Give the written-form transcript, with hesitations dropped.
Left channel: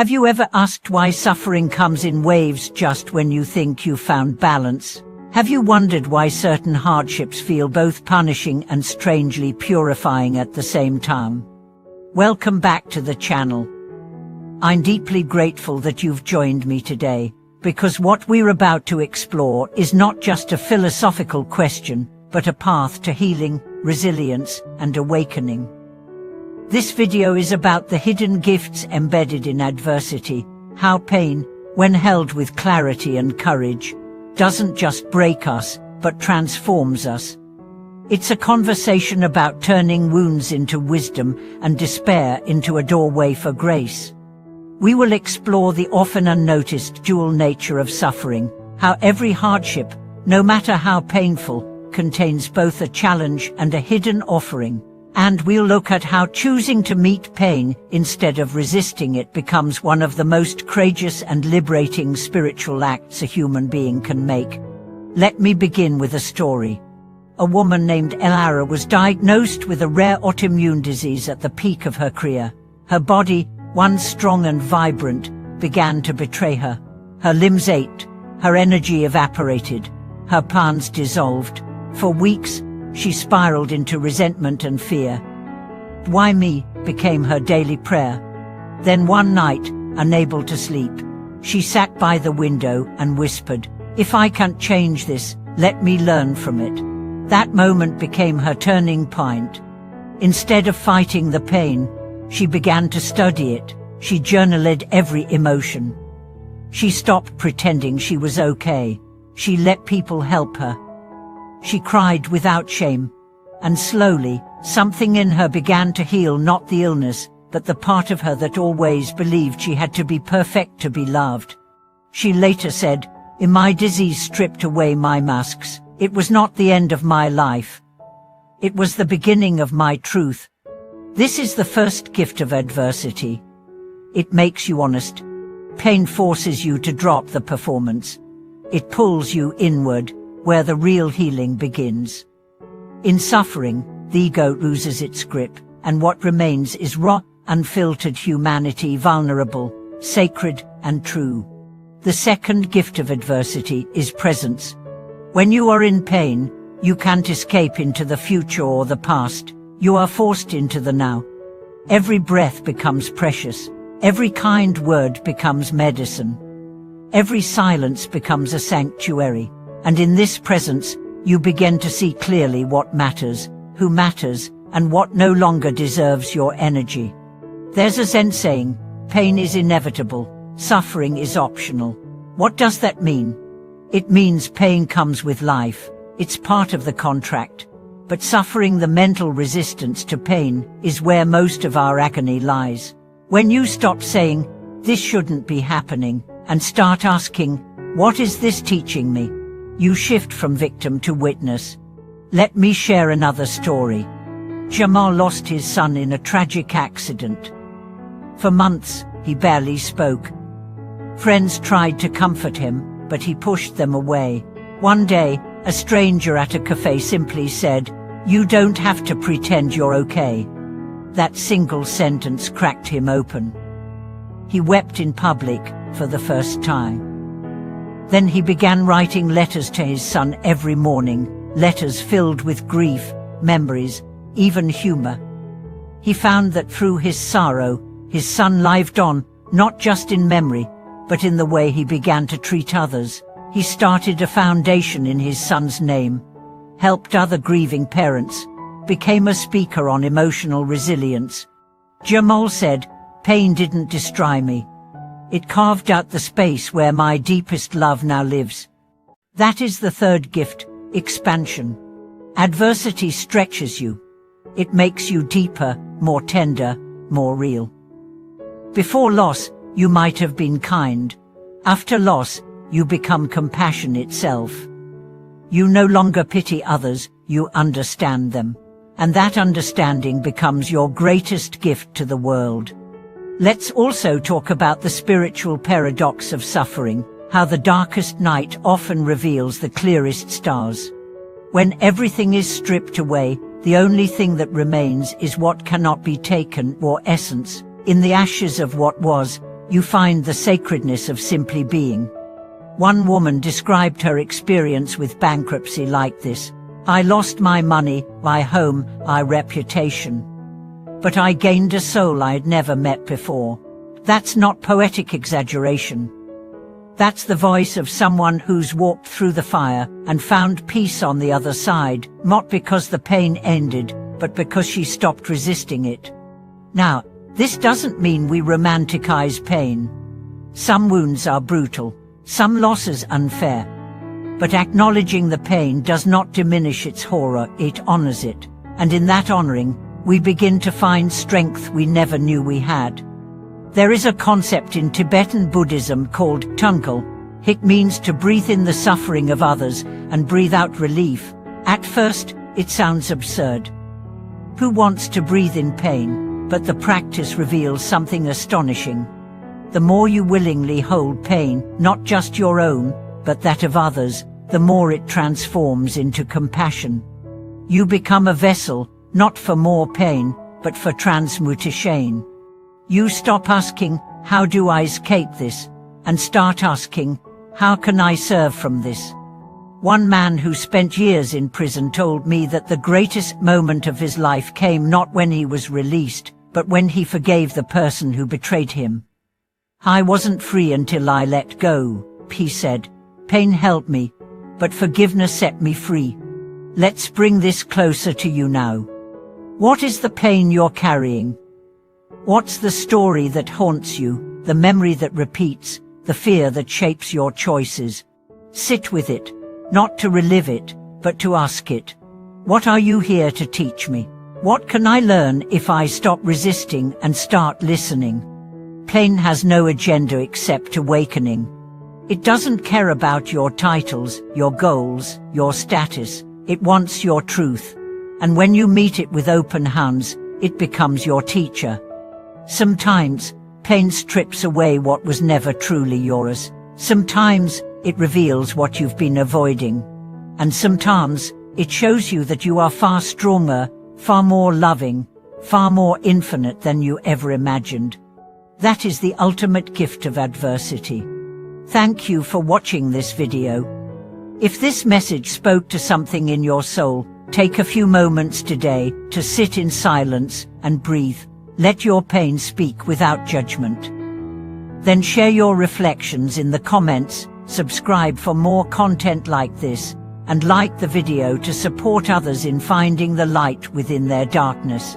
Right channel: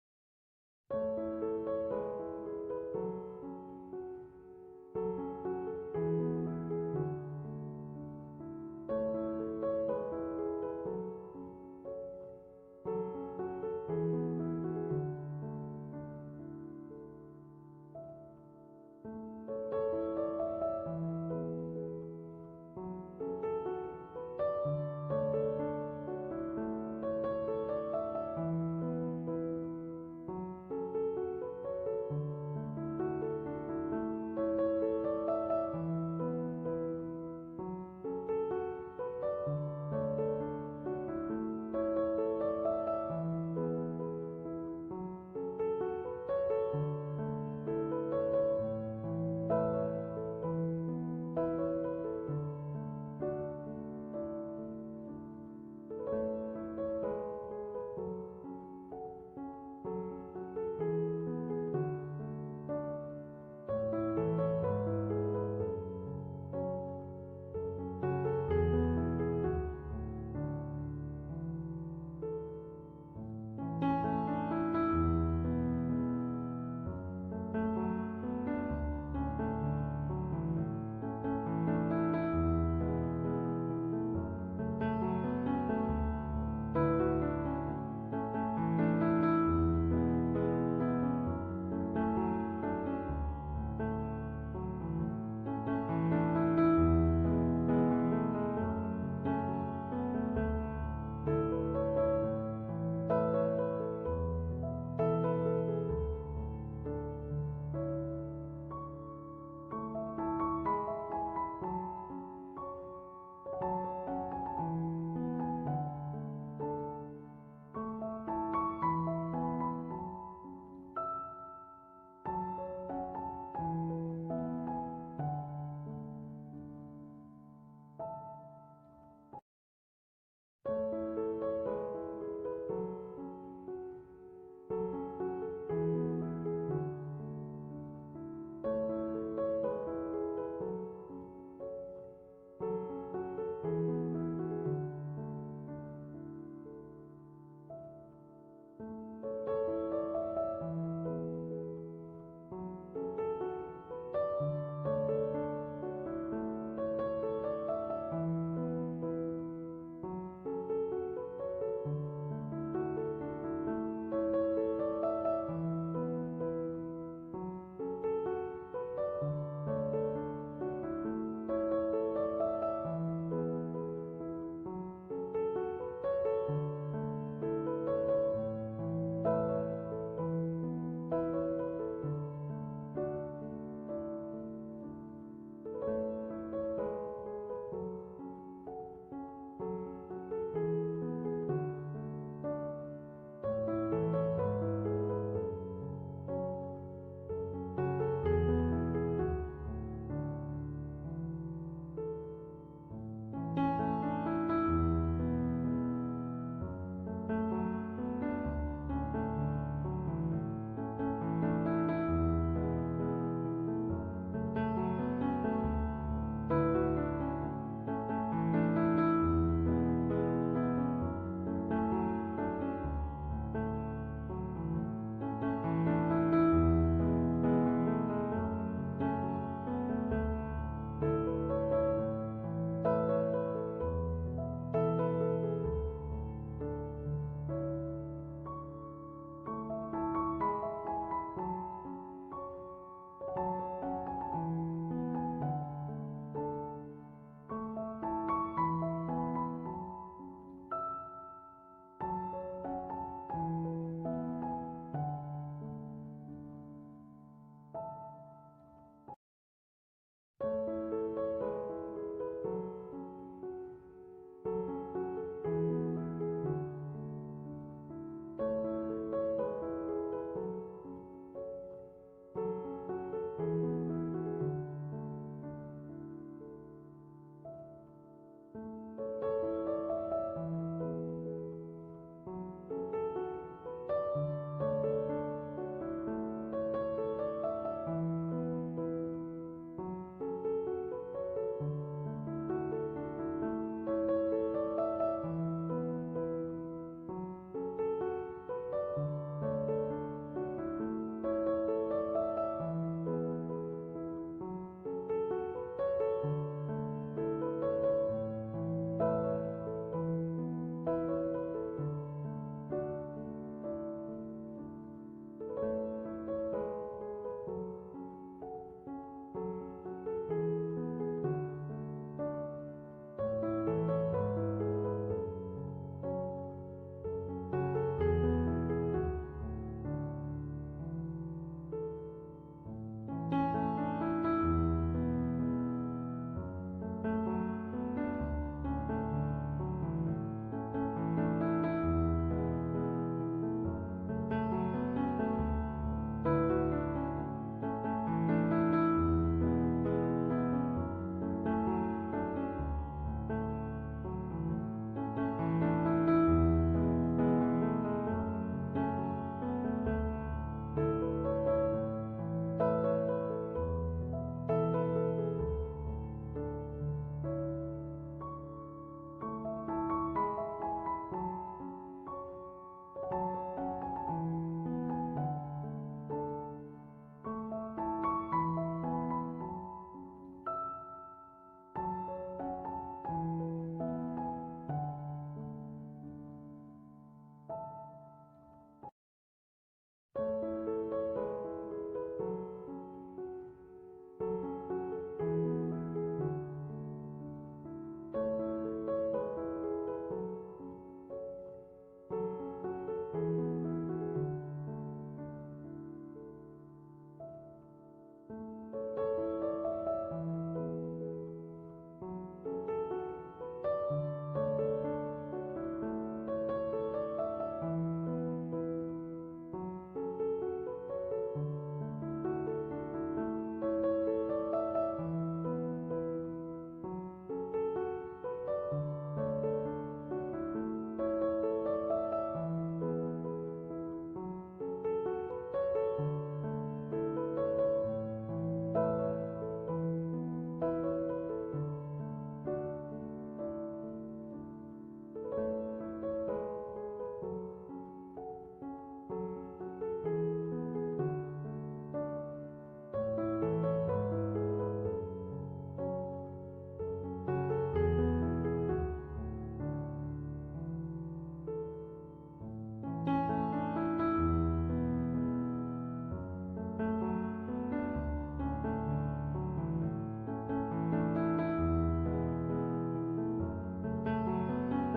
Have you ever asked why suffering comes in waves just when you think you've found balance? Have you wondered why certain hardships feel both punishing and strangely purifying at the same time? Welcome back to the channel. I'm deeply grateful that you've joined me today, because what we're about to explore is not just a philosophical question, but a path to healing, resilience, and awakening. This video is about the hidden gifts embedded in adversity, how pain, when held with clarity and courage, doesn't just break us, but transforms us. It's a conversation about turning wounds into wisdom and despair into a doorway for grace. We will explore the often unnoticed dual nature of suffering, how every hardship, no matter how painful, contains both a challenge and a hidden offering. And we'll look at how choosing to meet pain instead of resisting it becomes one of the most courageous and liberating spiritual acts a human being can make. Let me begin with a story. A woman named Elara was diagnosed with a rare autoimmune disease at the peak of her career. Her body, once strong and vibrant, began to betray her. Her limbs ached, her energy evaporated, her plans dissolved. For weeks, she spiraled into resentment and fear. "Why me?" became her daily prayer. Then one night, unable to sleep, she sat by the window and whispered, "If I can't change this, let me learn from it." That moment became her turning point. Instead of fighting the pain, she began to study it. She journaled every emotion. She stopped pretending she was okay. She let people help her. She cried without shame, and slowly, something in her began to heal, not the illness, but the part of her that always believed she had to be perfect to be loved. She later said, "In my disease stripped away my masks. It was not the end of my life. It was the beginning of my truth." This is the first gift of adversity. It makes you honest. Pain forces you to drop the performance. It pulls you inward, where the real healing begins. In suffering, the ego loses its grip, and what remains is raw, unfiltered humanity, vulnerable, sacred, and true. The second gift of adversity is presence. When you are in pain, you can't escape into the future or the past. You are forced into the now. Every breath becomes precious. Every kind word becomes medicine. Every silence becomes a sanctuary. And in this presence, you begin to see clearly what matters, who matters, and what no longer deserves your energy. There's a Zen saying, "Pain is inevitable, suffering is optional." What does that mean? It means pain comes with life. It's part of the contract. But suffering, the mental resistance to pain, is where most of our agony lies. When you stop saying, "This shouldn't be happening," and start asking, "What is this teaching me?" you shift from victim to witness. Let me share another story. Jamal lost his son in a tragic accident. For months, he barely spoke. Friends tried to comfort him, but he pushed them away. One day, a stranger at a cafe simply said, "You don't have to pretend you're okay." That single sentence cracked him open. He wept in public for the first time. Then he began writing letters to his son every morning, letters filled with grief, memories, even humor. He found that through his sorrow, his son lived on, not just in memory, but in the way he began to treat others. He started a foundation in his son's name, helped other grieving parents, became a speaker on emotional resilience. Jamal said, "Pain didn't destroy me. It carved out the space where my deepest love now lives." That is the third gift, expansion. Adversity stretches you. It makes you deeper, more tender, more real. Before loss, you might have been kind. After loss, you become compassion itself. You no longer pity others, you understand them. And that understanding becomes your greatest gift to the world. Let's also talk about the spiritual paradox of suffering, how the darkest night often reveals the clearest stars. When everything is stripped away, the only thing that remains is what cannot be taken, or essence. In the ashes of what was, you find the sacredness of simply being. One woman described her experience with bankruptcy like this: "I lost my money, my home, my reputation. But I gained a soul I'd never met before." That's not poetic exaggeration. That's the voice of someone who's walked through the fire and found peace on the other side, not because the pain ended, but because she stopped resisting it. Now, this doesn't mean we romanticize pain. Some wounds are brutal, some losses unfair. But acknowledging the pain does not diminish its horror, it honors it. And in that honoring, we begin to find strength we never knew we had. There is a concept in Tibetan Buddhism called tungkal. It means to breathe in the suffering of others and breathe out relief. At first, it sounds absurd. Who wants to breathe in pain? But the practice reveals something astonishing. The more you willingly hold pain, not just your own, but that of others, the more it transforms into compassion. You become a vessel, not for more pain, but for transmutation. You stop asking, "How do I escape this?" and start asking, "How can I serve from this?" One man who spent years in prison told me that the greatest moment of his life came not when he was released, but when he forgave the person who betrayed him. "I wasn't free until I let go," he said. "Pain held me, but forgiveness set me free." Let's bring this closer to you now. What is the pain you're carrying? What's the story that haunts you, the memory that repeats, the fear that shapes your choices? Sit with it, not to relive it, but to ask it. What are you here to teach me? What can I learn if I stop resisting and start listening? Pain has no agenda except awakening. It doesn't care about your titles, your goals, your status. It wants your truth. And when you meet it with open hands, it becomes your teacher. Sometimes, pain strips away what was never truly yours. Sometimes, it reveals what you've been avoiding. And sometimes, it shows you that you are far stronger, far more loving, far more infinite than you ever imagined. That is the ultimate gift of adversity. Thank you for watching this video. If this message spoke to something in your soul, take a few moments today to sit in silence and breathe. Let your pain speak without judgment. Then share your reflections in the comments, subscribe for more content like this, and like the video to support others in finding the light within their darkness.